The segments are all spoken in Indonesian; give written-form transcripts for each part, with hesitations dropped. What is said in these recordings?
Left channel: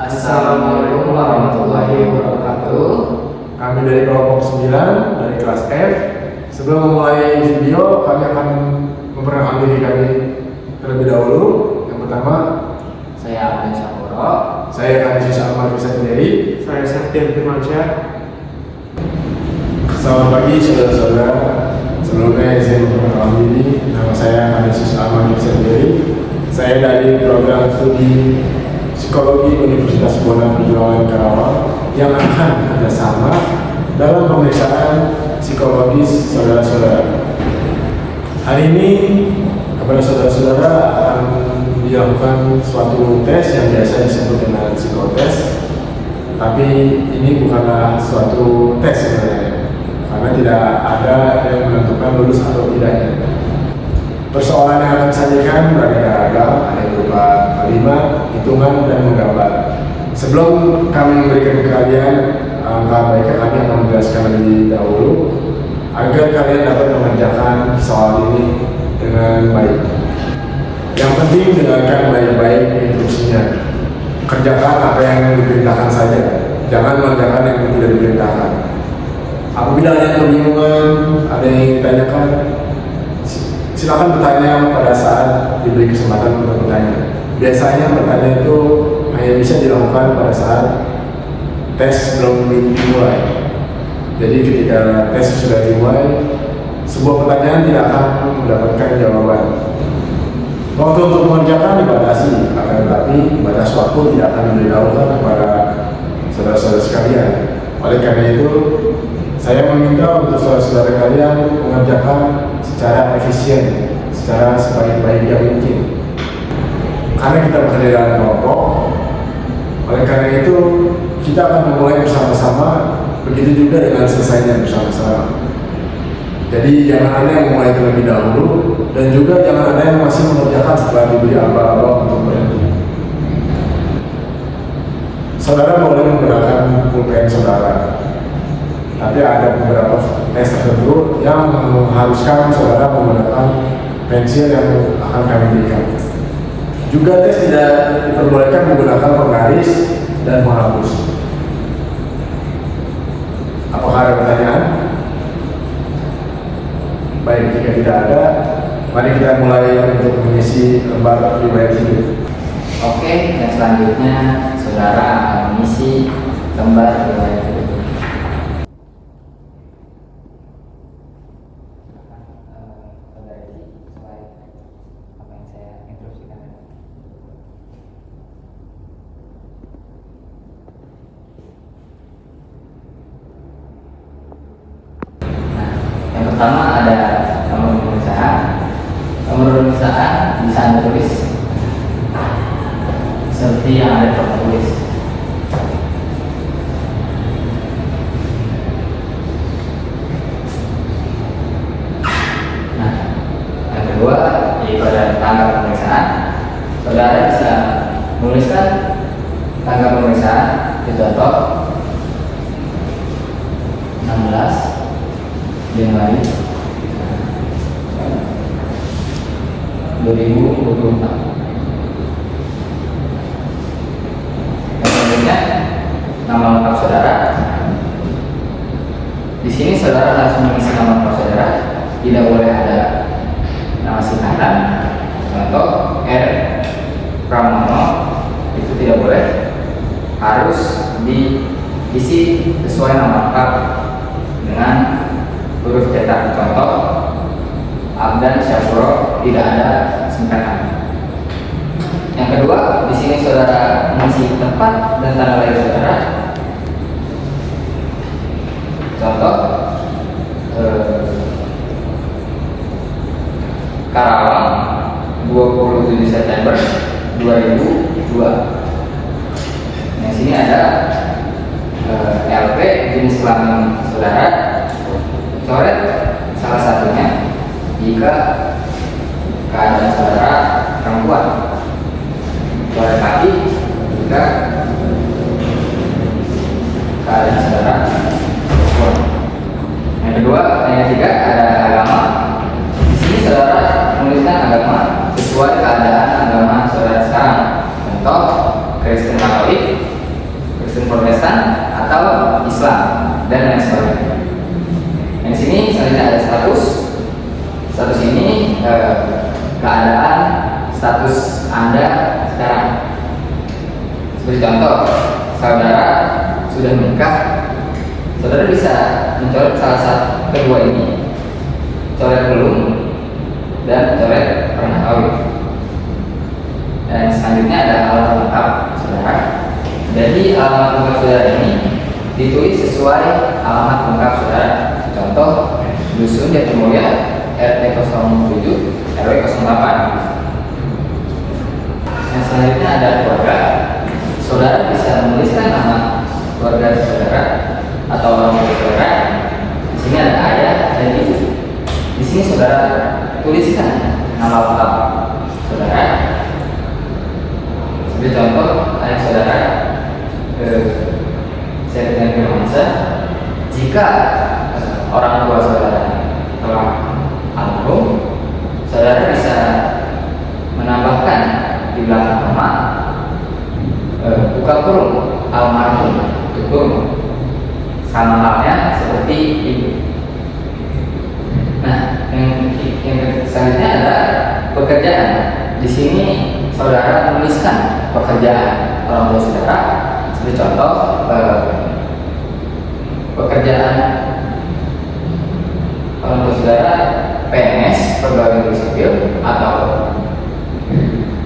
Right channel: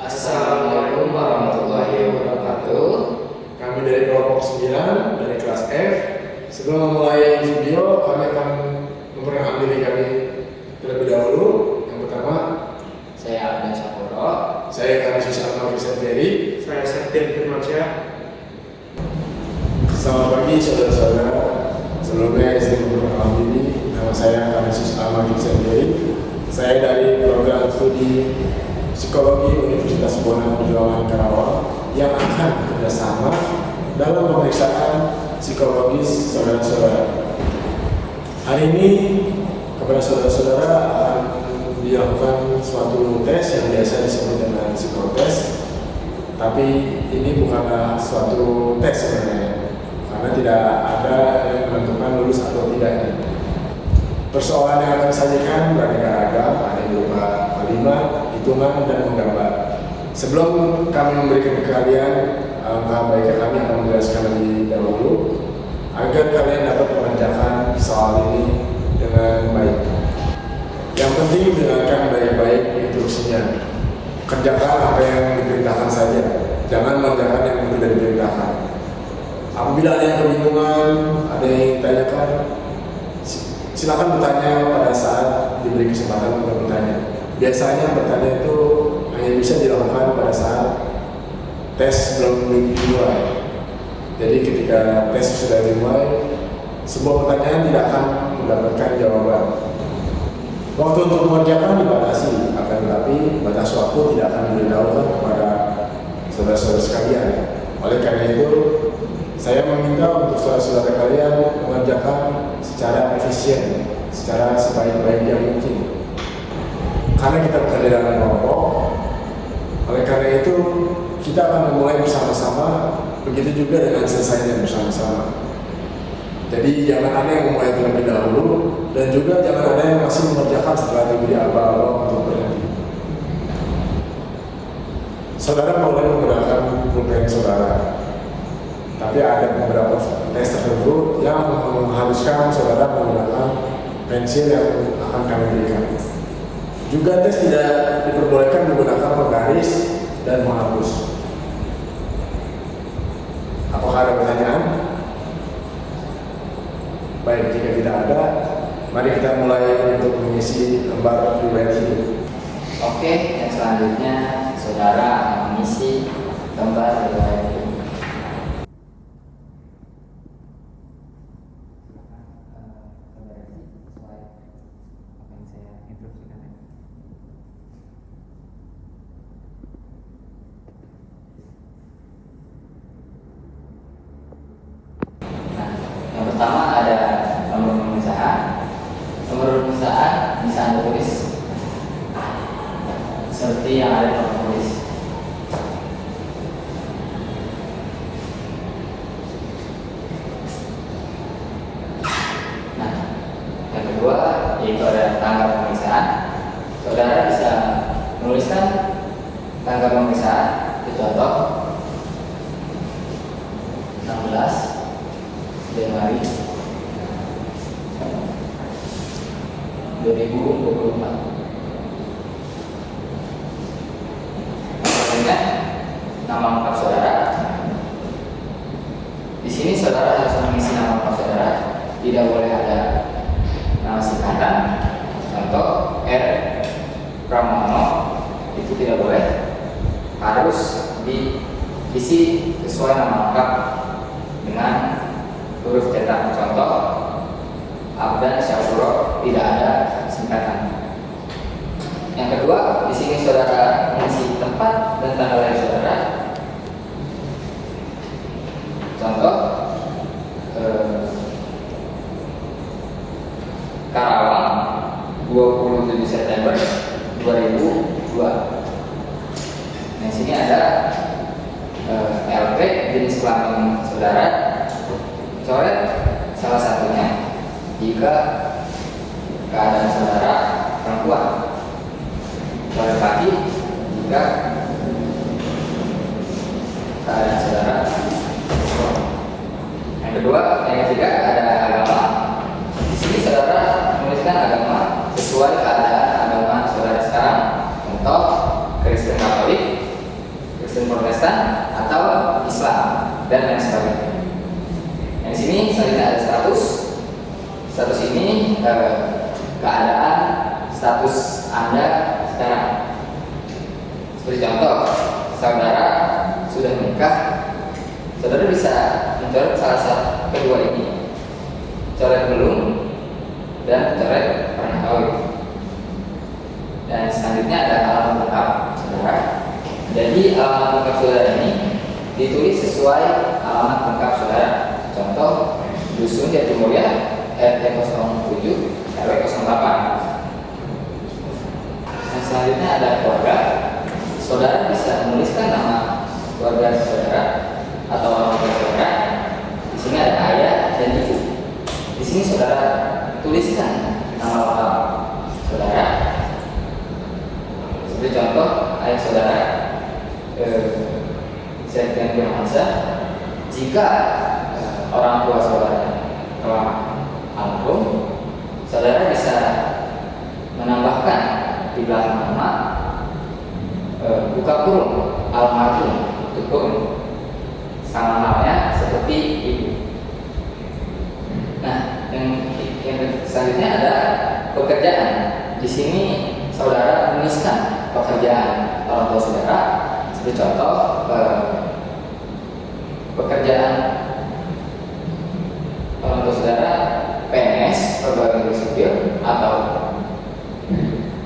Assalamualaikum warahmatullahi wabarakatuh. Kami dari kelompok 9 dari kelas F. Sebelum memulai video, kami akan memperkenalkan diri kami terlebih dahulu. Yang pertama, Saya Abdan Syakuro. saya Kanisius Ahmad Kusanteri. Saya Septian Firmansyah. Selamat pagi saudara-saudara. Sebelumnya izin memperkenalkan diri. Nama saya Kanisius Ahmad Kusanteri. Saya dari program studi Psikologi Universitas Bona Perjuangan Karawang yang akan kerjasama dalam pemeriksaan psikologis saudara-saudara. Hari ini kepada saudara-saudara akan dilakukan suatu tes yang biasa disebut dengan psikotes, tapi ini bukanlah suatu tes sebenarnya, karena tidak ada yang menentukan lulus atau tidaknya. Persoalan yang akan disajikan beraneka ragam, ada yang berupa kalimat, hitungan, dan menggambar. Sebelum kami memberikan ke kalian, alangkah baiknya kami akan menjelaskan lebih dahulu agar kalian dapat mengerjakan soal ini dengan baik. Yang penting dengarkan baik-baik instruksinya. Kerjakan apa yang diperintahkan saja, jangan mengerjakan yang tidak diperintahkan. Apabila ada yang kebingungan, ada yang ditanyakan, silakan bertanya pada saat diberi kesempatan untuk bertanya. Biasanya bertanya itu hanya bisa dilakukan pada saat tes belum dimulai. Jadi ketika tes sudah dimulai, sebuah pertanyaan tidak akan mendapatkan jawaban. Waktu untuk mengerjakan dibatasi, akan tetapi batas waktu tidak akan diberitahukan kepada saudara-saudara sekalian. Oleh karena itu, saya meminta untuk saudara-saudara kalian mengerjakan secara efisien, secara sebaik-baik yang mungkin. Karena kita bekerja dalam kelompok, oleh karena itu kita akan memulai bersama-sama, begitu juga dengan selesainya bersama-sama. Jadi jangan ada yang memulai terlebih dahulu, dan juga jangan ada yang masih mengerjakan setelah diberi aba-aba untuk berhenti. Saudara boleh menggunakan pulpen saudara, tapi ada beberapa tes tertentu yang mengharuskan saudara menggunakan pensil yang akan kami berikan. Juga tes tidak diperbolehkan menggunakan penggaris dan menghapus. Apakah ada pertanyaan? Baik, jika tidak ada, mari kita mulai untuk mengisi lembar riwayat hidup. Oke, dan selanjutnya saudara akan mengisi lembar riwayat hidup. Yang pertama ada nomor pemeriksaan. Nomor pemeriksaan bisa Anda tulis seperti yang ada di papan tulis. Nah, yang kedua yaitu ada tanggal pemeriksaan. Saudara bisa menuliskan tanggal pemeriksaan di contoh 16 Januari 2024. Yang selanjutnya nama lengkap saudara. Di sini saudara harus mengisi nama lengkap saudara. Tidak boleh ada nama singkatan. Contoh R Pramono, itu tidak boleh. Harus diisi sesuai nama lengkap dengan huruf cetak. Contoh Abdan Syakuro, tidak ada singkatan. Yang kedua, di sini saudara mengisi tempat dan tanggal lahir saudara. Contoh Karawang 27 September 2002. Yang sini ada LP, jenis kelamin saudara. Coret salah satunya jika keadaan saudara perempuan. Coret lagi jika keadaan saudara perempuan. Yang kedua, yang ketiga ada agama. Di sini saudara menuliskan agama sesuai keadaan agama saudara sekarang. Contoh Kristen Katolik Kristen Protestan atau Islam dan lain sebagainya. Yang di sini selanjutnya ada status. Status ini keadaan status Anda sekarang. Seperti contoh, saudara sudah menikah, saudara bisa mencoret salah satu kedua ini, coret belum dan coret pernah kawin. Dan selanjutnya ada alamat lengkap saudara. Jadi alamat lengkap saudara ini ditulis sesuai alamat lengkap saudara. Contoh, Dusun Jatimulya, RT 07, RW 08. Yang selanjutnya ada keluarga. Saudara bisa menuliskan nama keluarga saudara atau orang tua saudara. Di sini ada ayah dan ibu. Di sini saudara tuliskan nama lengkap saudara. Seperti contoh, ayah saudara Septian Firmansyah. Jika orang tua saudara telah almarhum, saudara bisa menambahkan di belakang nama buka kurung almarhum, tutup kurung, sama halnya seperti ibu. Nah, yang selanjutnya ada pekerjaan. Di sini saudara menuliskan pekerjaan orang tua saudara. Seperti contoh, pekerjaan orang tua saudara PNS, pegawai negeri sipil, atau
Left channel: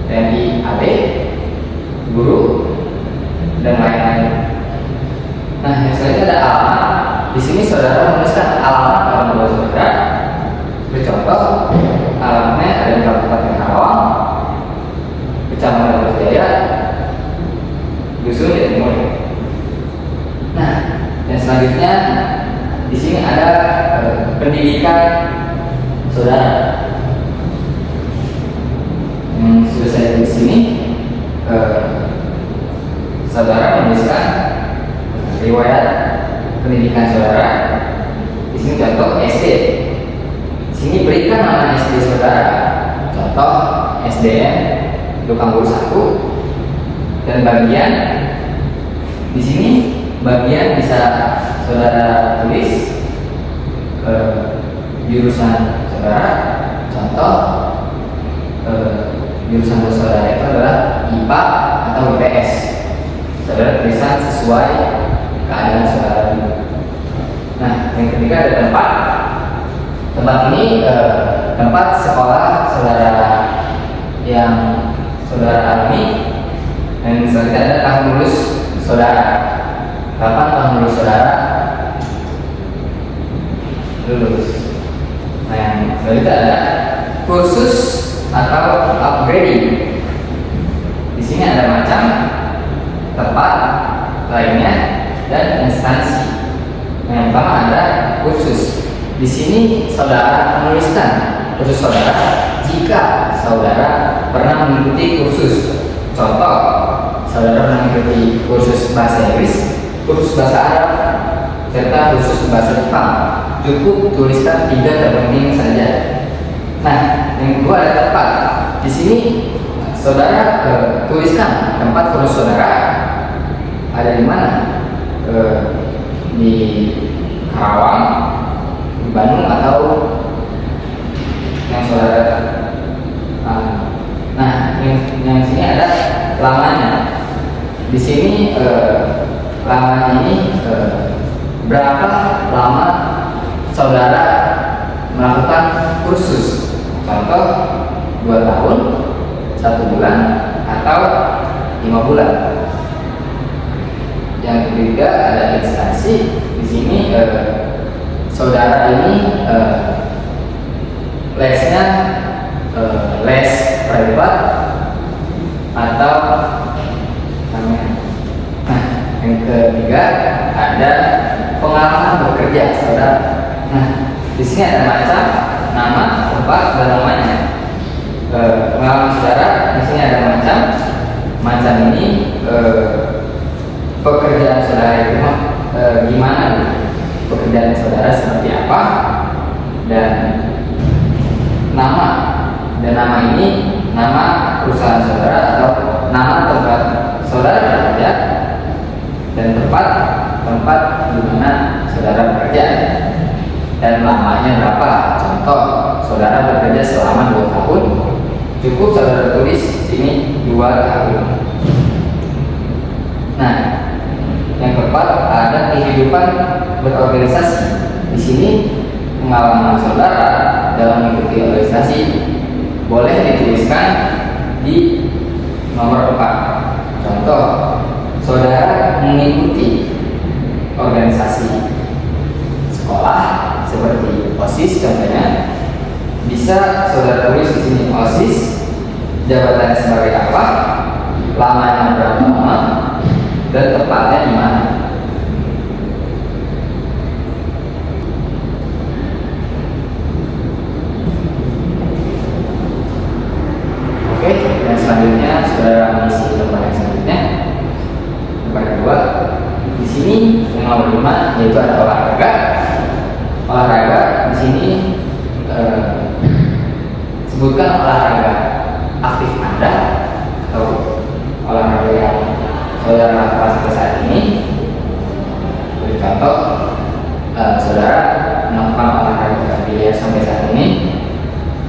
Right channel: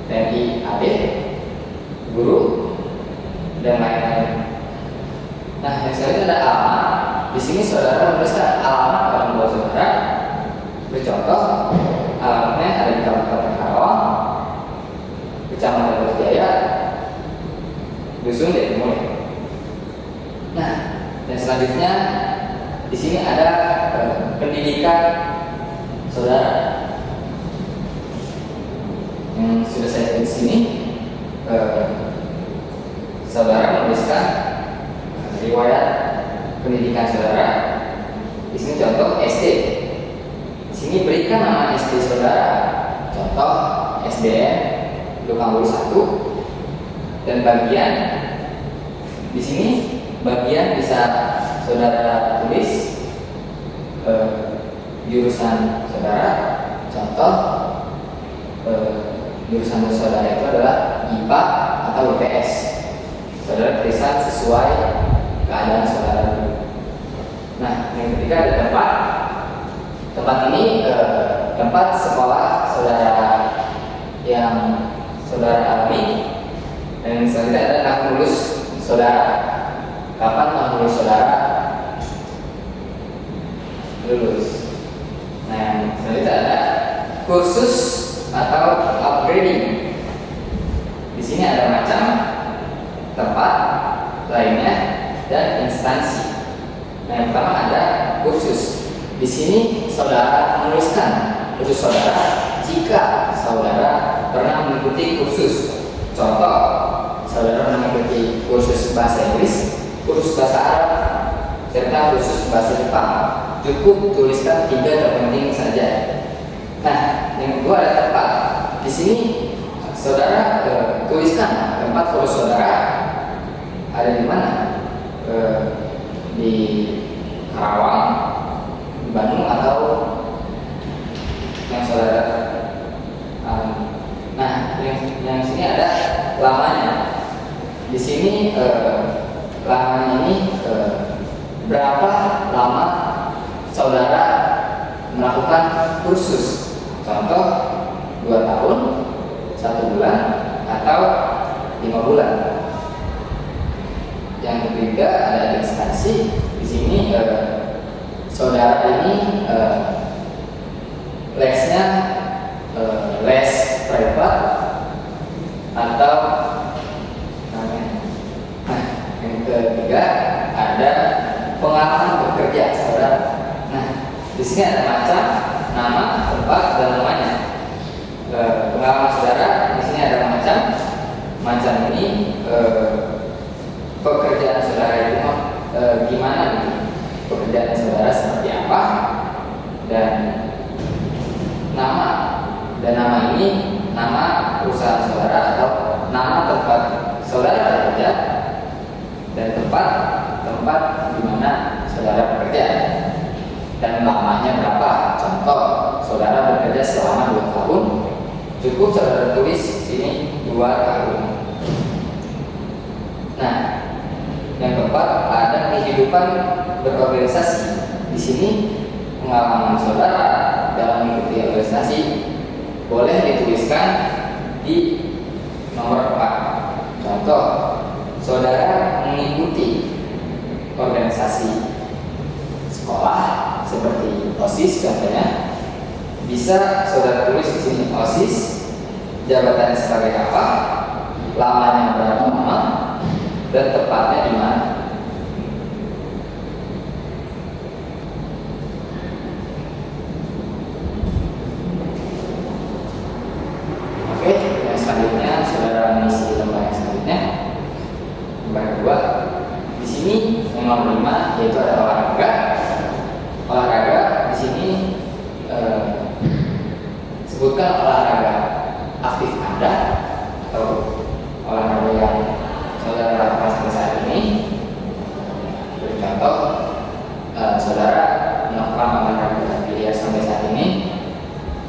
TNI AD, guru, dan lain-lain. Nah, yang selanjutnya ada alamat. Di sini saudara menuliskan alamat orang tua saudara. Seperti contoh, alamatnya ada di Kabupaten Karawang, Kecamatan Berjaya, Dusun Jatimulya. Nah, yang selanjutnya di sini ada pendidikan saudara. Yang sudah saya tulis di sini, saudara menuliskan riwayat pendidikan saudara. Di sini contoh SD. Di sini berikan nama SD saudara. Contoh SDN Dukanggul 1. Dan bagian di sini bagian bisa saudara tulis jurusan saudara. Contoh jurusan saudara itu adalah IPA atau IPS. Saudara tulisan sesuai keadaan saudara. Nah, yang ketiga ada tempat. Tempat ini tempat sekolah saudara yang saudara alami. Dan selanjutnya ada tahun lulus saudara. Kapan tahun lulus saudara lulus? Nah, yang selanjutnya ada kursus atau upgrading. Di sini ada macam, tempat, lainnya, dan instansi. Yang pertama ada kursus. Di sini saudara menuliskan kursus saudara jika saudara pernah mengikuti kursus. Contoh, saudara pernah mengikuti kursus bahasa Inggris, kursus bahasa Arab, serta kursus bahasa Jepang. Cukup tuliskan 3 terpenting saja. Nah, yang kedua ada tempat. Di sini saudara tuliskan tempat kursus saudara ada di mana. Di Karawang, di Bandung, atau yang saudara. Nah, yang sini ada lamanya. Di sini lamanya ini berapa lama saudara melakukan kursus. Contoh 2 tahun, 1 bulan, atau 5 bulan. Yang ketiga ada instansi. Di sini saudara ini lesnya les privat atau namanya. Nah, yang ketiga ada pengalaman bekerja saudara. Nah, di sini ada macam, nama, tempat, dan namanya. Pengalaman saudara di sini ada macam ini pekerjaan saudara itu gimana? Pekerjaan saudara seperti apa? Dan nama. Dan nama ini nama perusahaan saudara atau nama tempat saudara bekerja. dan tempat di mana saudara bekerja dan lamanya berapa. Contoh, saudara bekerja selama 2 tahun, cukup saudara tulis sini 2 tahun. Nah, yang keempat ada kehidupan berorganisasi. Di sini pengalaman saudara dalam mengikuti organisasi boleh dituliskan di nomor 4. Contoh, saudara mengikuti organisasi sekolah seperti OSIS contohnya, bisa saudara tulis di sini OSIS, jabatannya sebagai apa, lamanya berapa lama, dan tepatnya di mana. Oke, dan selanjutnya saudara mengisi lembar yang selanjutnya. Lembar kedua, di sini yang nomor 5 yaitu ada olahraga. Olahraga di sini sebutkan olahraga aktif Anda atau olahraga yang saudara lakukan sampai saat ini. Beri contoh, saudara melakukan olahraga biliar sampai saat ini,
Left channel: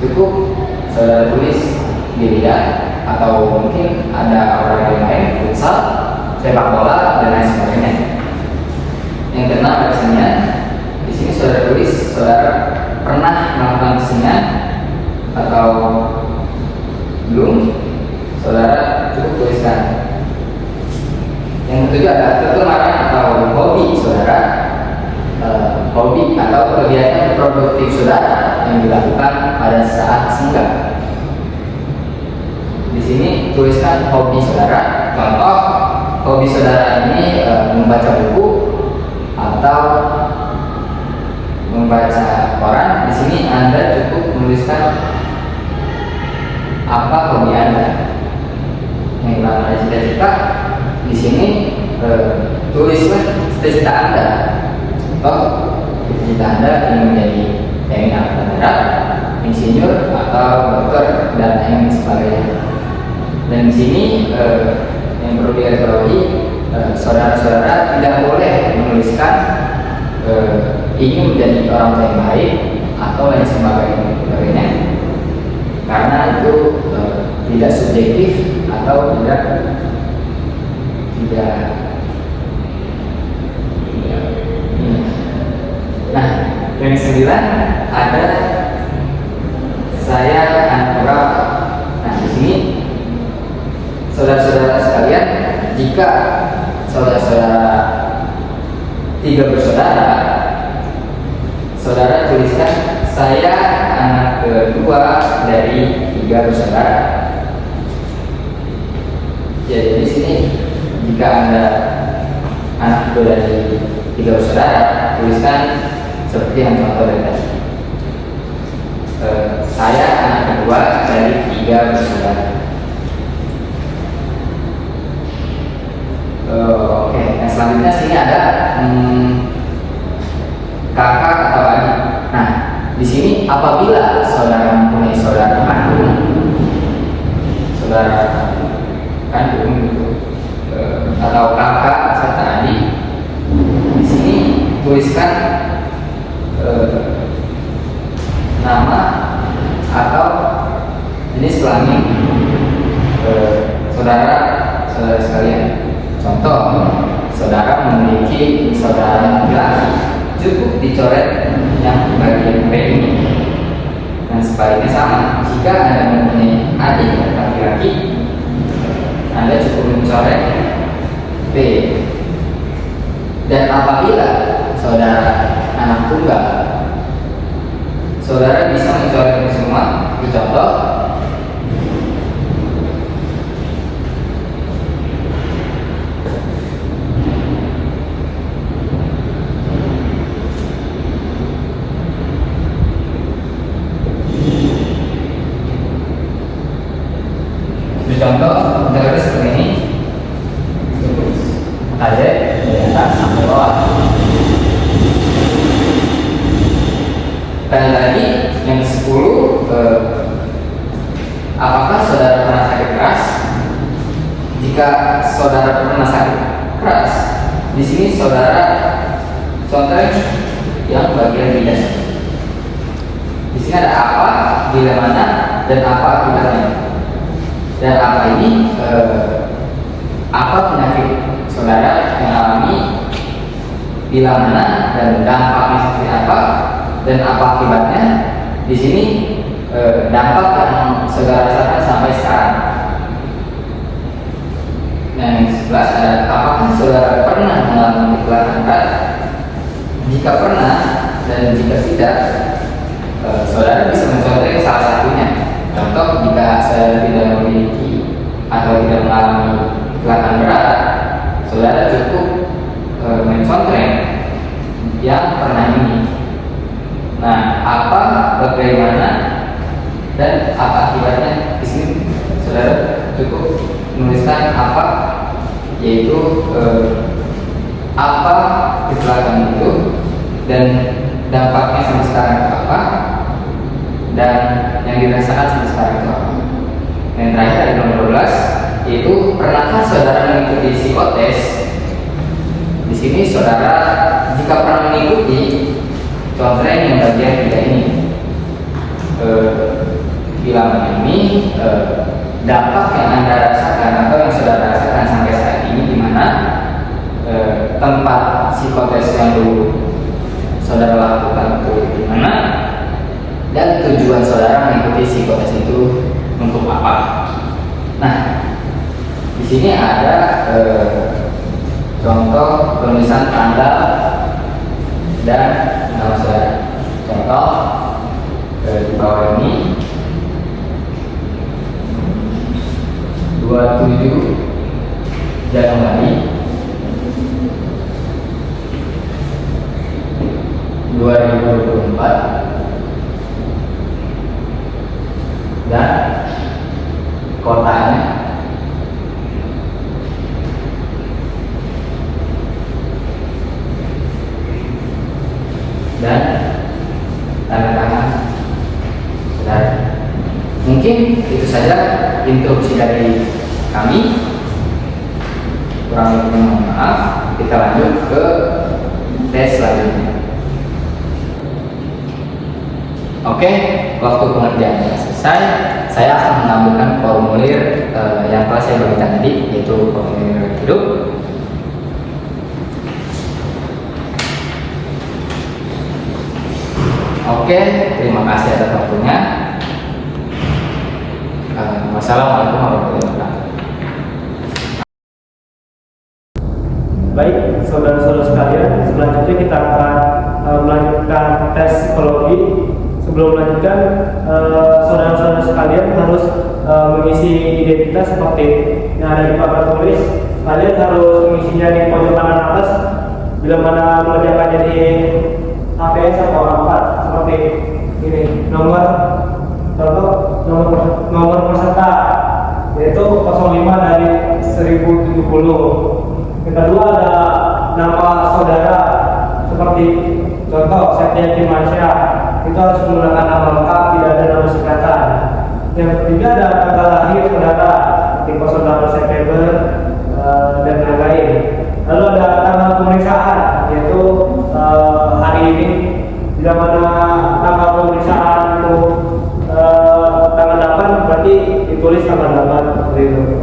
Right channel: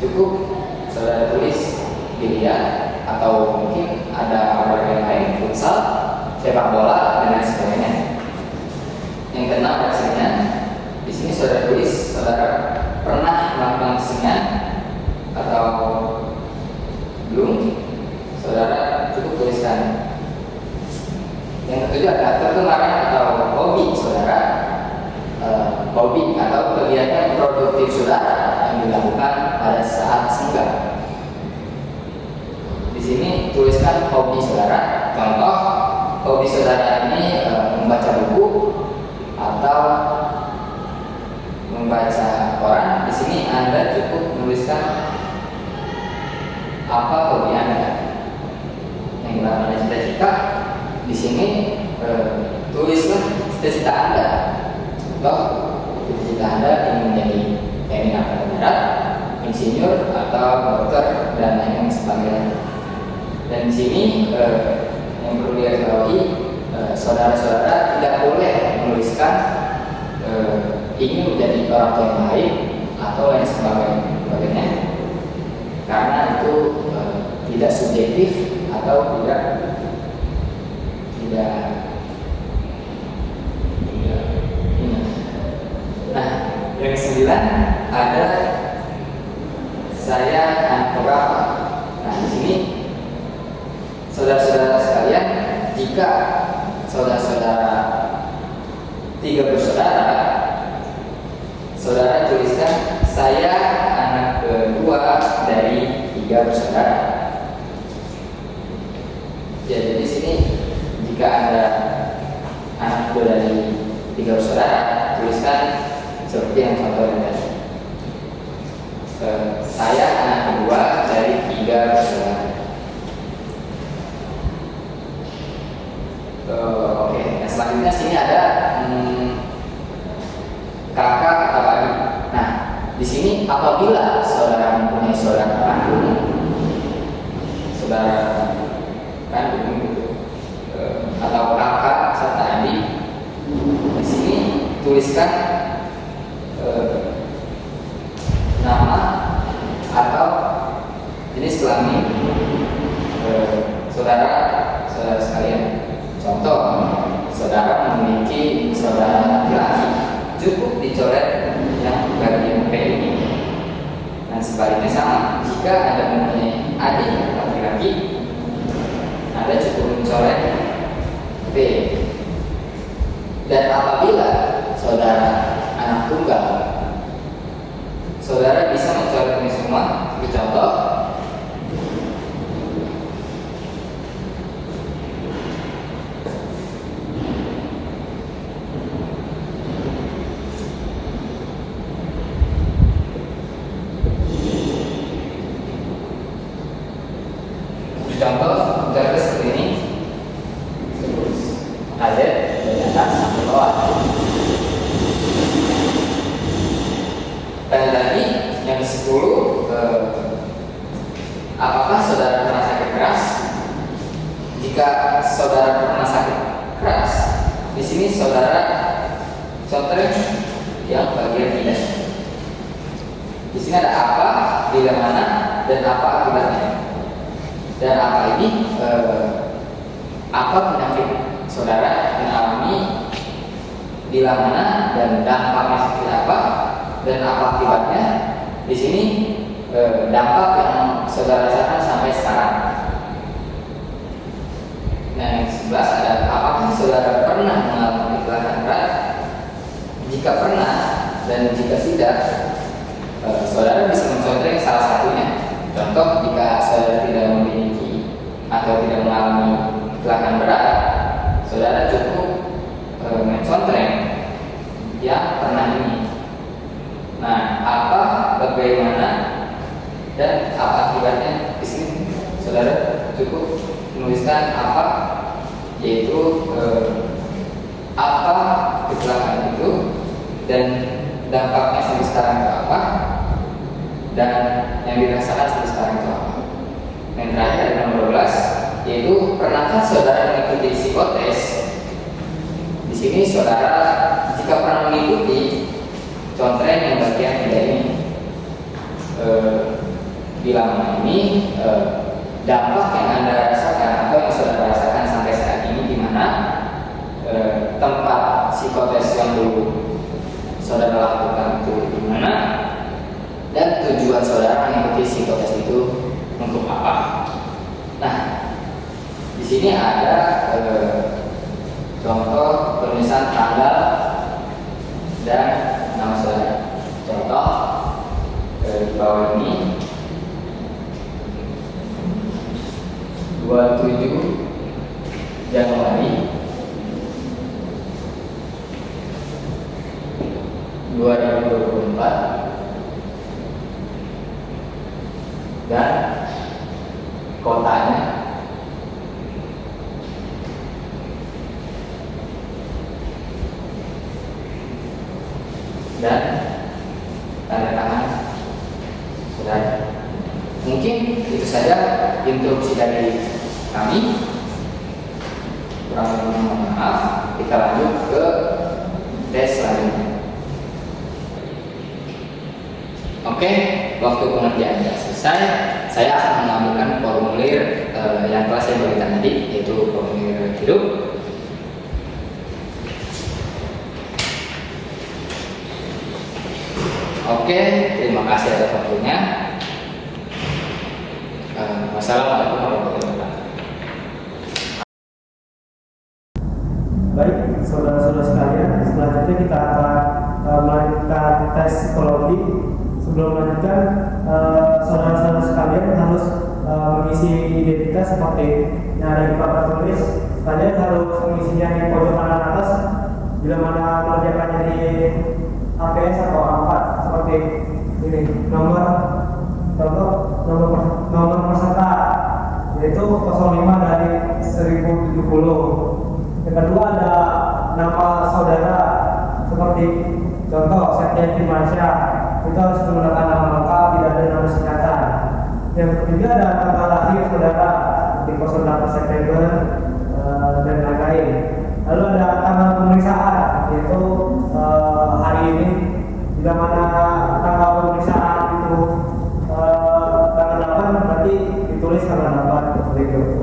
cukup saudara tulis biliar, atau mungkin ada olahraga lain, futsal, sepak bola, dan lain sebagainya. Yang keenam kesenian. Di sini saudara tulis saudara pernah melakukan kesenian atau belum, saudara cukup tuliskan. Yang ketujuh adalah kegemaran atau hobi saudara, hobi atau kegiatan produktif saudara yang dilakukan pada saat senggang. Di sini tuliskan hobi saudara. Contoh, hobi saudara ini membaca buku atau membaca koran. Di sini Anda cukup menuliskan apa hobi Anda. Yang namanya cita-cita, di sini tulislah cita-cita Anda. Contoh, cita-cita Anda ingin menjadi TNI Angkatan Darat, insinyur atau dokter, dan lain sebagainya. Dan di sini yang perlu digarisbawahi, saudara-saudara tidak boleh menuliskan ingin menjadi orang tua yang baik atau lain sebagainya, karena itu tidak subjektif atau tidak. Nah, yang ke-9 ada saya anak berapa. Nah, di sini saudara-saudara sekalian, jika saudara-saudara 3 bersaudara, saudara tuliskan saya anak kedua dari 3 bersaudara. Jadi di sini jika Anda anak kedua dari 3 bersaudara, tuliskan seperti yang contoh dari tadi. Saya anak kedua dari 3 bersaudara. Oke, yang selanjutnya sini ada kakak atau adik. Nah, di sini apabila saudara mempunyai saudara kandung gitu, atau kakak serta adik, di sini tuliskan nama atau jenis kelamin saudara sekalian. Contoh, saudara memiliki saudara laki-laki, cukup dicoret yang bagian P ini. Dan sebaliknya sama, jika Anda mempunyai adik laki-laki, Anda cukup mencoret P. Dan apabila saudara anak tunggal, saudara bisa mencoret ini semua. Contoh, contohnya seperti ini, ada dari atas sampai bawah. Dan lagi yang ke-10, apakah saudara pernah sakit keras? Jika saudara pernah sakit keras, di sini saudara contoh yang bagian bidan. Di sini ada apa, bila mana, dan apa akibatnya. Dan apa ini apa penyakit saudara yang alami, bila mana, dan dampaknya seperti apa, dan apa akibatnya. Di sini dampak yang saudara rasakan sampai sekarang. Nah, yang 11 ada apakah saudara pernah mengalami kecelakaan berat? Jika pernah dan jika tidak, saudara bisa mencontoh salah satunya. Contoh, jika saudara tidak memiliki atau tidak mengalami kecelakaan berat, saudara cukup mencontoh yang pernah ini. Nah, apa, bagaimana, dan apa akibatnya? Di sini saudara cukup menuliskan apa, yaitu apa kecelakaan itu dan dampaknya sampai sekarang itu apa, dan yang dirasakan sampai sekarang itu apa. Yang terakhir ada nomor 12, yaitu pernahkah saudara mengikuti psikotes? Di sini saudara jika pernah mengikuti, contohnya yang bagian tidak ini, bila mana ini dampak yang Anda rasakan atau yang saudara rasakan sampai saat ini, di mana tempat psikotes yang dulu saudara lakukan itu di mana, dan tujuan saudara mengikuti psikotes itu untuk apa. Nah, di sini ada contoh penulisan tanggal dan nama saudara. Contoh di bawah ini 27 Januari 2024 dan kotanya dan tanda tangan saudara. Mungkin itu saja instruksi dari kami. Kurang lebihnya mohon maaf. Kita lanjut ke tes selanjutnya. Oke, waktu pengerjaannya selesai. Saya akan menambahkan formulir yang telah saya berikan tadi, yaitu formulir hidup. Oke, terima kasih atas waktunya. Wassalamualaikum warahmatullahi wabarakatuh. Baik, saudara-saudara sekalian, selanjutnya kita akan melanjutkan tes psikologi. Sebelum melanjutkan, saudara-saudara sekalian harus mengisi identitas seperti yang ada di papan tulis. Kalian harus mengisinya di pojok kanan atas. Bila mana mengerjakannya di APS atau A4 seperti ini, nomor peserta yaitu 05 dari 1070. Yang kedua ada nama saudara seperti contoh Septian Dimansyah, itu harus menggunakan nama lengkap, tidak ada nama singkatan. Yang ketiga ada tanggal lahir saudara seperti 08 September dan lain-lain. Lalu ada tanggal pemeriksaan yaitu hari ini. Bila mana tanggal pemeriksaan itu tanggal 8, berarti ditulis tanggal 8 seperti itu.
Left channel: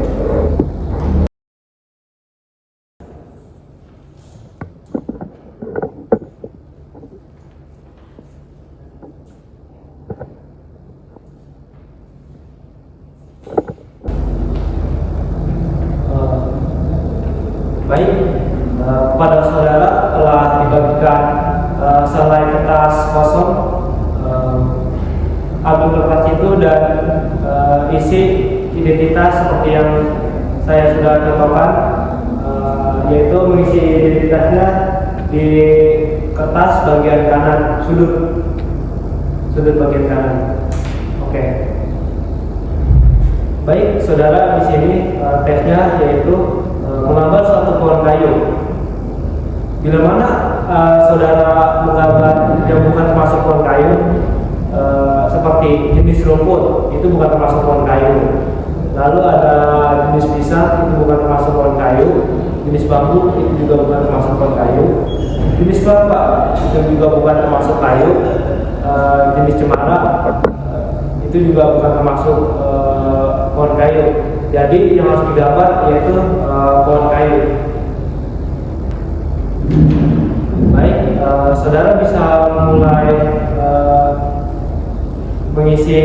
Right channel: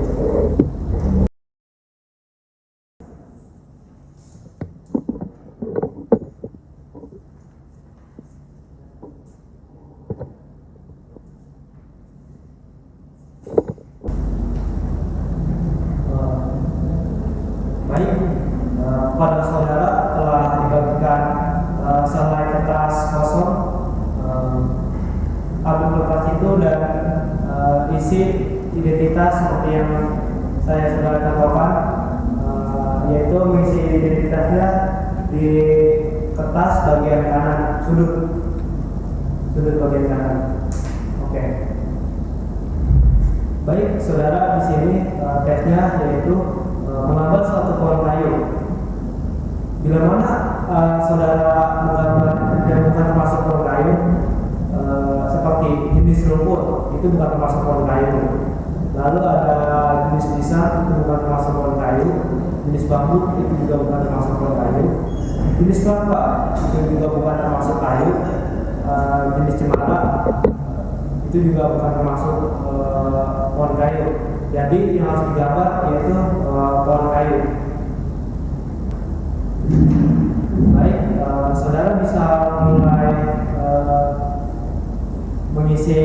Baik, pada saudara telah dibagikan selai kertas kosong, album kertas itu dan isi identitas seperti yang saya sudah contohkan, yaitu mengisi identitasnya di kertas bagian kanan, sudut bagian kanan. Oke. Baik, saudara, di sini tesnya yaitu menggambar suatu pohon kayu. Bila mana saudara menggambar yang bukan termasuk pohon kayu, seperti jenis rumput, itu bukan termasuk pohon kayu. Lalu ada jenis pisang, itu bukan termasuk pohon kayu. Jenis bambu itu juga bukan termasuk pohon kayu. Jenis kelapa itu juga bukan termasuk kayu. Jenis cemara itu juga bukan termasuk pohon kayu. Jadi yang harus digambar yaitu pohon kayu. Baik, saudara bisa mulai mengisi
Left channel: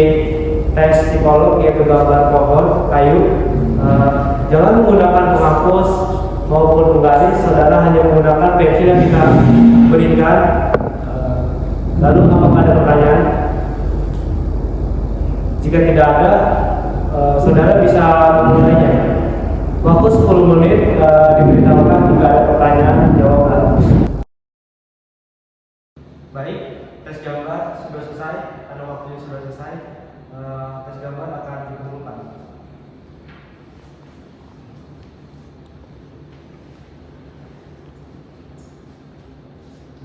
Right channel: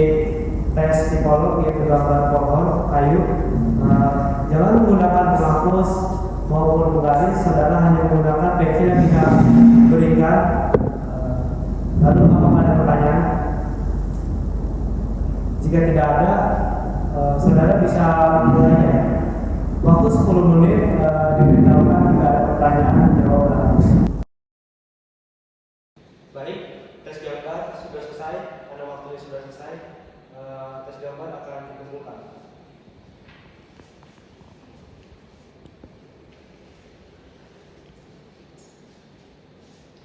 tes psikolog yaitu gambar pohon kayu. Jangan menggunakan penghapus maupun penggaris, saudara hanya menggunakan pensil yang kita berikan. Lalu apakah ada pertanyaan? Jika tidak ada, saudara bisa memulainya. Waktu 10 menit diberitahukan jika ada pertanyaan, jawablah. Baik, tes gambar sudah selesai, karena waktunya sudah selesai. Tes gambar akan dikumpulkan.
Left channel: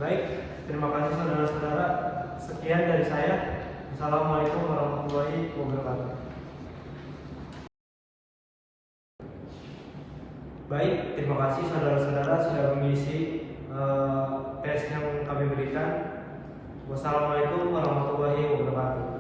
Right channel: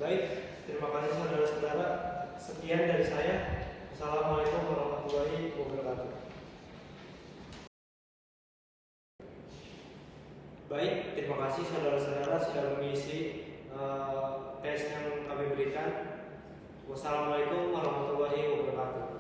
Baik, terima kasih saudara-saudara. Sekian dari saya. Assalamualaikum warahmatullahi wabarakatuh. Baik, terima kasih saudara-saudara sudah mengisi tes yang kami berikan. Wassalamualaikum warahmatullahi wabarakatuh.